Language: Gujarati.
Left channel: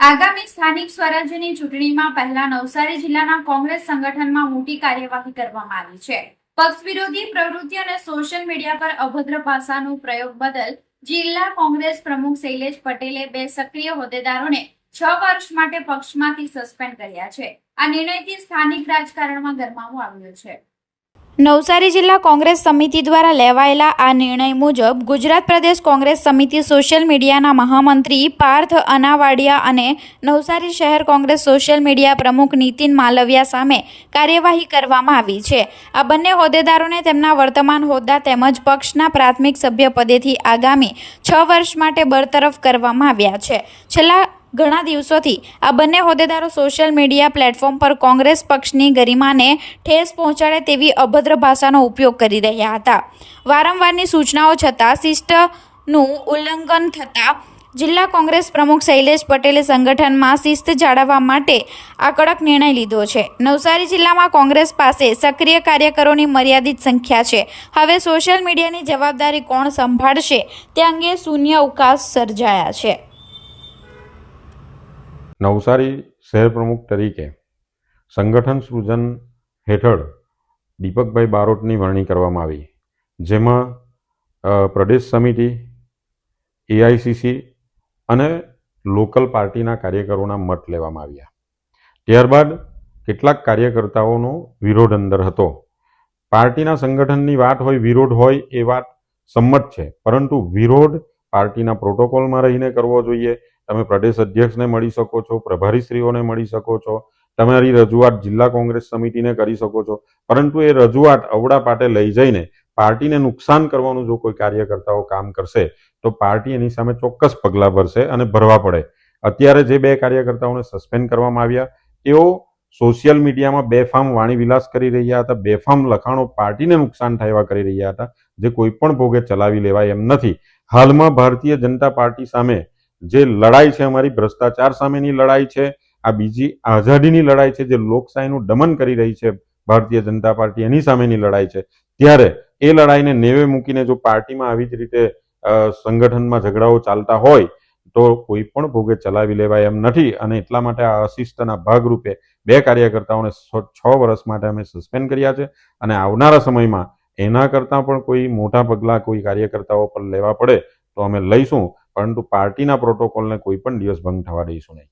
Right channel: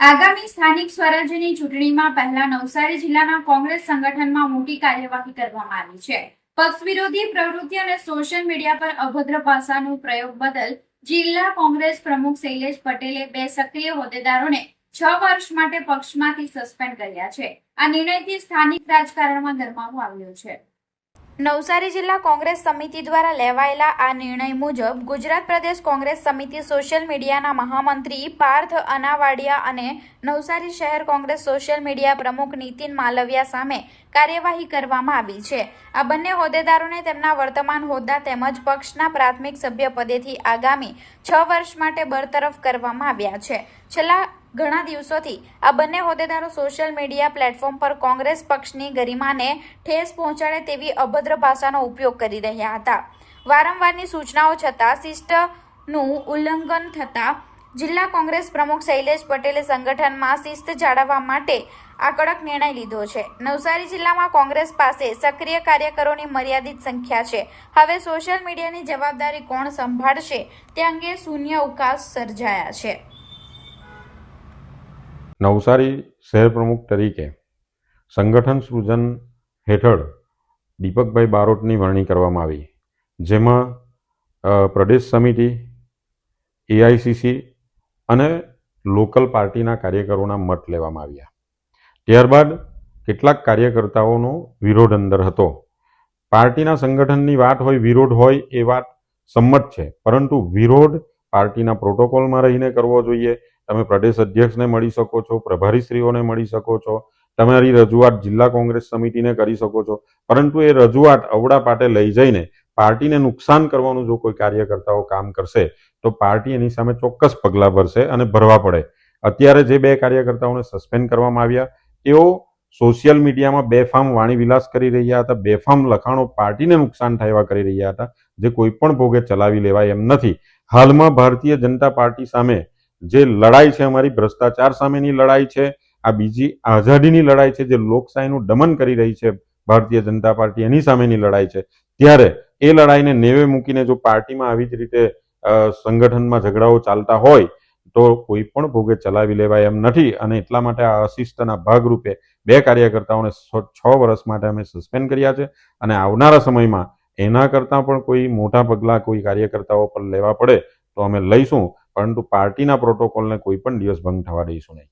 આગામી સ્થાનિક સ્વરાજ્યની ચૂંટણીમાં પહેલા નવસારી જિલ્લાના કોંગ્રેસ સંગઠનમાં મોટી કાર્યવાહી કરવામાં આવી છે। પક્ષ વિરોધી પ્રવૃત્તિ અને સોશિયલ મીડિયા પર અભદ્ર ભાષાનો પ્રયોગ બદલ જિલ્લા કોંગ્રેસ પ્રમુખ શૈલેષ પટેલે 2 સક્રિય હોદ્દેદારોને 6 વર્ષ માટે પક્ષમાંથી સસ્પેન્ડ કર્યા છે। આ નિર્ણયથી સ્થાનિક રાજકારણમાં ગરમાવો આવ્યો છે। નવસારી જિલ્લા કોંગ્રેસ સમિતિ દ્વારા લેવાયેલા આ નિર્ણય મુજબ ગુજરાત પ્રદેશ કોંગ્રેસ સમિતિ સોશિયલ મીડિયાના મહામંત્રી પાર્થ અનાવાડિયા અને નવસારી શહેર કોંગ્રેસ સોશિયલ મીડિયા પ્રમુખ નીતિન માલવિયા સામે કાર્યવાહી કરવામાં આવી છે। આ બંને હોદ્દેદારોને તેમના વર્તમાન હોદ્દા તેમજ પક્ષના પ્રાથમિક સભ્ય પદેથી આગામી 6 વર્ષ માટે બરતરફ કરવામાં આવ્યા છે। છેલ્લા ઘણા દિવસોથી આ બંને હોદ્દેદારો સોશિયલ મીડિયા પ્લેટફોર્મ પર કોંગ્રેસ પક્ષની ગરિમાને ઠેસ પહોંચાડે તેવી અભદ્ર ભાષાનો ઉપયોગ કરી રહ્યા હતા। વારંવારની સૂચનાઓ છતાં શિસ્તનું ઉલ્લંઘન થતાં જિલ્લા કોંગ્રેસ પ્રમુખ શૈલેષ પટેલે સંગઠનમાં શિસ્ત જાળવવા માટે આ કડક નિર્ણય લીધો છે। નવસારી જિલ્લામાં કોંગ્રેસ પાસે સક્રિય કાર્યકરોની મર્યાદિત સંખ્યા છે। હવે સોશિયલ મીડિયાની જવાબદારી કોણ સંભાળશે તે અંગે શૂન્ય અવકાશ સર્જાયા છે। નવસારી શહેર પ્રમુખ તરીકે સંગઠન સૃજન હેઠળ દીપકભાઈ બારોટની વરણી કરવામાં આવી, જેમાં પ્રદેશ સમિતિ, એઆઈસીસી અને લોકલ પાર્ટીના કાર્યકરોના મત લેવામાં આવ્યા। ત્યારબાદ કેટલાક કાર્યકર્તાઓનો વિરોધ અંદર હતો। પાર્ટીના સંગઠનની વાત હોય, વિરોધ હોય એ વાત સંમત છે, પરંતુ વિરોધ પાર્ટીના પ્રોટોકોલમાં રહીને કરવો જોઈએ। તમે પ્રદેશ અધ્યક્ષને મળી શકો છો, પ્રભારીશ્રીઓને મળી શકો છો, તમારી રજૂઆત જિલ્લા કોંગ્રેસ સમિતિને કરી શકો છો, પરંતુ એ રજૂઆત અવડા પાટે લઈ જઈને પાર્ટીને નુકસાન કરવાનું જો કોઈ કાર્યકર્તાઓ કામ કરશે તો પાર્ટી એની સામે ચોક્કસ પગલાં ભરશે અને ભરવા પડે। અત્યારે જે 2 કાર્યકર્તાઓને સસ્પેન્ડ કરવામાં આવ્યા તેઓ સોશિયલ મીડિયામાં બેફામ વાણીવિલાસ કરી રહ્યા હતા, બેફામ લખાણો પાર્ટીને નુકસાન થાય એવા કરી રહ્યા હતા, જે કોઈ પણ ભોગે ચલાવી લેવાય એમ નથી। હાલમાં ભારતીય જનતા પાર્ટી સામે જે લડાઈ છે, અમારી ભ્રષ્ટાચાર સામેની લડાઈ છે, આ બીજી આઝાદીની લડાઈ છે, જે લોકશાહીનું દમન કરી રહી છે ભારતીય જનતા પાર્ટી, એની સામેની લડાઈ છે। ત્યારે એ લડાઈને નેવે મૂકીને જો પાર્ટીમાં આવી જ રીતે સંગઠનમાં ઝઘડાઓ ચાલતા હોય તો કોઈ પણ ભોગે ચલાવી લેવાય એમ નથી। અને એટલા માટે આ અશિસ્તના ભાગરૂપે 2 કાર્યકર્તાઓને 6 વર્ષ માટે અમે સસ્પેન્ડ કર્યા છે અને આવનારા સમયમાં એના કરતાં પણ કોઈ મોટા પગલાં કોઈ કાર્યકર્તાઓ પર લેવા પડે તો અમે લઈશું, પરંતુ પાર્ટીના પ્રોટોકોલને કોઈ પણ દિવસ ભંગ થવા દઈશું નહીં।